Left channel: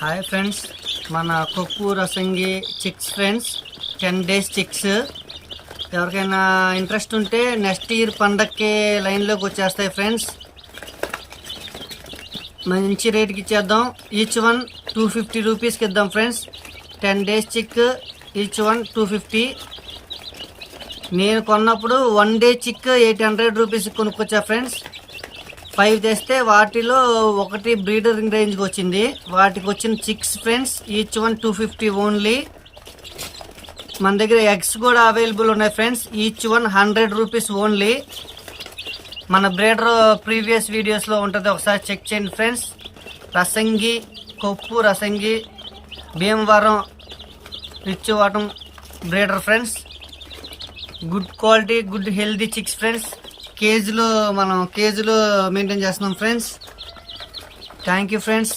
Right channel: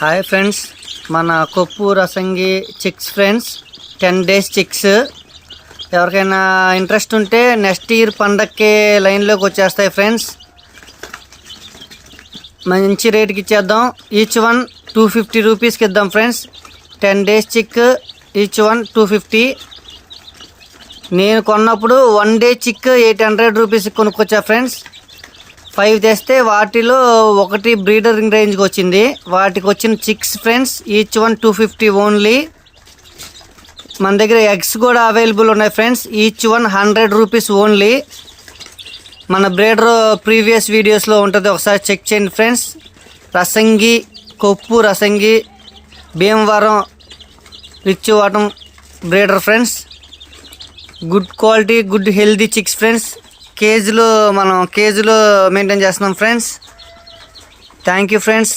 Hi friends, మన కొప్పు రసంగి chicks friends 10 days chicks. ఎవరికైనా ఇంట్రెస్ట్ ఉంటే నెక్స్ట్ ఇయర్ పండక్కి లైన్లోకి వచ్చేస్తాయి ఫ్రెండ్స్. మంచి రేట్కి ఇచ్చేద్దాం. ఈచ్ వన్ 250 రూపీస్కి ఇద్దాం ఫ్రెండ్స్. 10 days చిక్ ఈచ్ వన్ 250. నేను కొన్నప్పుడు 1 day చిక్ 800 రూపీస్కి కొనుక్కొచ్చా ఫ్రెండ్స్. 5 తెస్తే వాటిలో ఒకటి బ్రీడర్ రేంజ్కి వచ్చింది. వాటికి వచ్చిన chicks friends each one 250 only. మన దగ్గర ఎగ్స్ కూడా అవైలబుల్ ఉన్నాయి friends. Each one 100 rupees only. మన బ్రీడర్ ప్రీవియస్ వీడియోస్లో ఉంటుంది, ఒకసారి చెక్ చేయండి ఫ్రెండ్స్. రసంగి కొప్పు రసంగి భీమవరం రిచ్చివాటం breeder friends. Good quality good healthy chicks friends. మనం కేజీలో మెయింటైన్ చేస్తున్నాం ఫ్రెండ్స్. Thank you friends.